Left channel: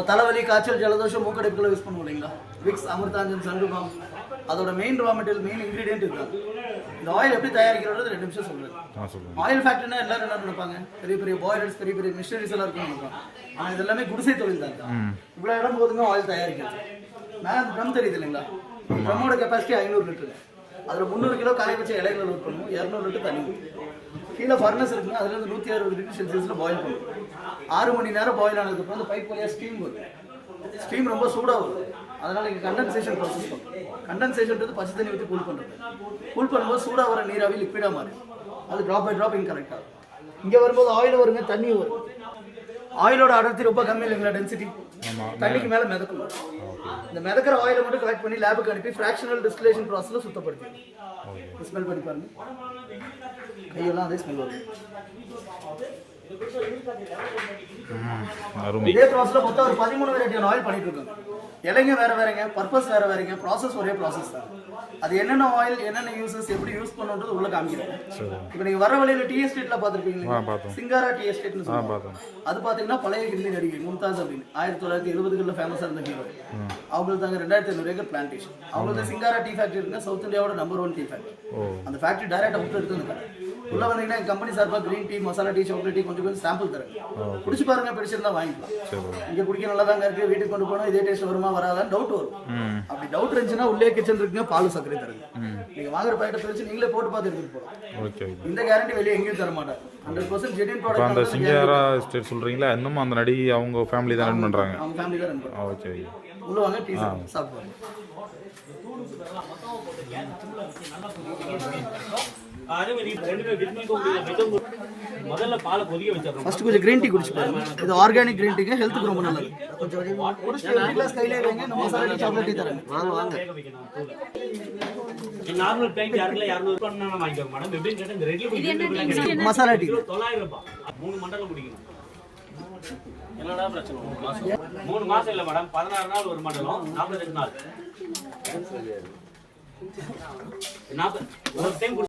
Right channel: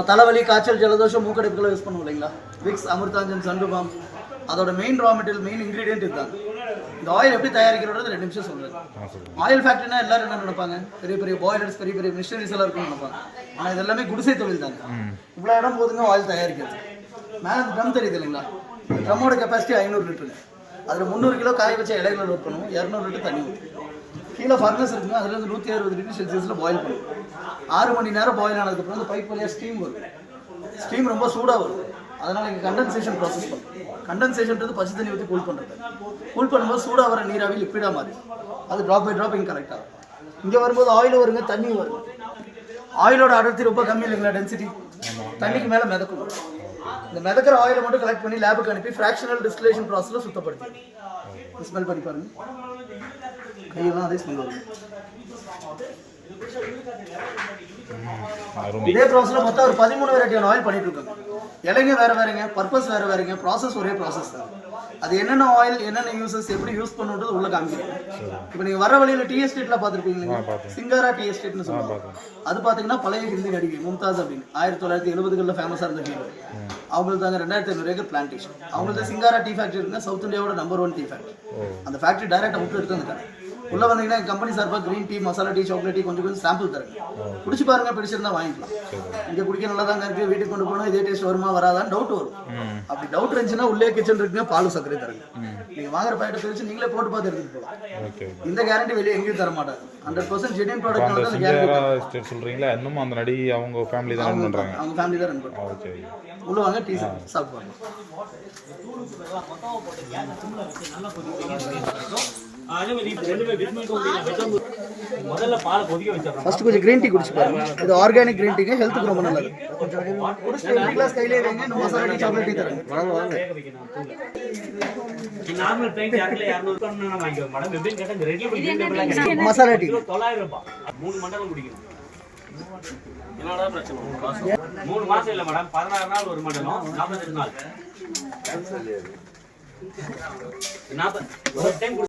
இப்போ தலைவலி காய்ச்சல் ஜலதோஷம் மூக்கடைப்புகளை யூஸ் பண்ணுவோம் இல்லைங்களா? விக்ஸ் அமிர்தாஞ்சன் சண்டுபாம் அதோட main raw material main ingredient இதுதான். இந்த ஆயில் எப்படி தயாரிக்கிறது ரெண்டு நிமிஷம் சொல்றேன். ஆயில் ஃபேக்ட்ரினா எல்லாரும் என்ன நினைப்பாங்க? பெரிய பெரிய பாய்லர்ஸ் பெரிய பெரிய மிஷினரிஸ் எல்லாம் இருக்கும்னு நினைப்பாங்க. ஆனால் இது எல்லாமே குடிசை தொழில் தாங்க. இவ்வளோ இடம் போதுங்க ஆயில் தயாரிக்கிறது. மேலே ட்ரம் தெரியுது இல்லைங்களா? ட்ரம்மோட கெப்பாசிட்டி ஐநூறு லிட்டருங்க. அதில் முந்நூறு கிலோ காய வச்ச இலைகளை லோட் பண்ணுவோம். இரநூறு லிட்டர் தண்ணி கீழே ஃபர்னஸ் இருக்குங்க அதுலேருந்து நூற்றி அறுபது டிகிரி செல்சியஸில் பாயில் பண்ணும். ஆறு மணி நேரம் பாயில் ஆனதுக்கப்புறம் அந்த பைப் வழியாக ஸ்டீம் வரும். ஸ்டீம் ரொம்ப சூடாக வரும். அதனால் இங்கே கண்டென்சேஷன் ப்ராசஸ் பண்ணும். கண்டென்சேஷன்றது பச்சை தண்ணி ஊற்றி கூல் பண்ணுறது கூல் பண்ணும்போது சூடாக வர நீராவி லிக்விடாக மாறி அது ட்ராப் பை ட்ராப் இங்கே கரெக்ட் ஆகும் இங்கே வரும்போது ஆயில் வருங்க தண்ணி வரும். ஆயிலோட அடர்த்தி ரொம்ப கம்மி இல்லைங்களா டென்சிட்டி தண்ணிக்கு மேலே மிதக்கும். இந்த மிதக்கிற ஆயிலை மட்டும் கலெக்ட் பண்ணி லேபுக்கு அனுப்பி ஃப்ராக்ஷனல் டிஸ்டிலேஷன் ப்ராசஸில் சுத்தப்படுத்தி. ஸ்மெல் பண்ணி பாருங்க. கையெல்லாம் அதே ஸ்மெல் வரும் இதே ப்ராசஸில் மொத்தம் ஒரு பதிமூணு வெரைட்டியான ஆயில் பண்ணிட்டு இருக்காங்க இலைங்க வேற வேறங்க பர்பஸ் வேற வேறங்க ப்ராசஸ் ஒரே ப்ராசஸ் தான். அது என்னென்ன ஆயில் என்னென்ன யூசஸ் எப்படி யூஸ் பண்ணுன்றது உள்ள காமிக்கிறேன். இப்போ நீங்க வர வழியில டி எஸ்டேட்ல பார்த்துருப்பீங்க பார்த்தேன். சிங்காரா டி எஸ்டேட்னு சொல்லுவாங்க. அது பார்த்தீங்கன்னா பழைய ஹிந்தி நடிகை மும்தாஸ் அப்படின்னு. ஆயிரத்தி தொள்ளாயிரத்தி எழுபதுகளில் ஃபேமஸாக இருந்த ஹீரோ அவங்களுக்கு தாங்க ரெண்டாயிரத்தி ஐநூறு ஏக்கர் பிளான்டேஷன் அவங்களுக்கு சிங்காரா டீ ஃபேக்டரி இருக்குங்க சவுத் இந்தியாவோட நம்பர் ஒன் டீ ஃபேக்டரி அந்த ஃபேக்டரி டைரக்டாக விட்டு எடுத்து வந்து கடை. உள்ள வந்தீங்கன்னா கம்பெனி சார்பாக green tea masala tea chocolate tea கொஞ்சம் கொஞ்சம் சாம்பிள் தரேன். குடிச்சு பாருங்க பிடிச்சிருந்தா வாங்கிக்கலாம். இங்க குடிக்க நல்லா தாங்க இருக்கு வீட்டுக்கு கொண்டு போனா இதே டேஸ்ட் வருமா வராதான்னு டவுட் வரும். அப்படி டவுட் இருந்துச்சுன்னா உள்ளே கிச்சன் இருக்குங்க பால் சர்க்கரை தருங்க. நீங்க வாங்குற பாக்கெட்டை தெரிஞ்சு நீங்களே போட்டு பார்த்து எடுத்துட்டு போகலாம். இந்த கேரண்டி வெளியே எங்கேயும் தர மாட்டாங்க ஹண்ட்ரட் பர்சன்ட் அந்த ப்ராடக்ட் சொல்கிறீங்களா இன்னும் அந்த நடி அவங்க ஃபேமிலி தான் ரன் பண்ணுறாங்க அவங்க ஃபேமிலி தான் ரன் பண்ணுவாங்க ஓகே. உள்ள வாங்க டீ சாப்பிடுவாங்க முதல்ல பாலை கொதிக்க வச்சிடறோம் ஃபர்ஸ்ட் கொஞ்சம் கிரீன் டீ குடிச்சு பாருங்க. இது ஆர்கானிக் கிரீன் டீக்கு ஹெல்த்துக்கு ரொம்ப நல்லது. கொஞ்சம் குடிச்சு ரெண்டு கிளாஸ் கையிலே வைங்க இந்த மசாலா டீ சாக்லேட் டீ தரேன். வாங்க வாங்க. நார்மல் பிளைன் யாருக்குல? இரநூறு ரூபாய் வாங்கிக்கோங்க மேடம் எப்படின்னு கேட்டா இந்த red label masala tea kilo தொள்ளாயிரம் ரூபாய். மூணு மண்டலம் குடிக்கணும். என்னடா பிரச்சனை? மூணு மாசம். இல்ல மேடம். பதினாறு நாள் ஒரு மண்டலம். நாற்பத்தெட்டு நாள். நாற்பது ஒரு டைம்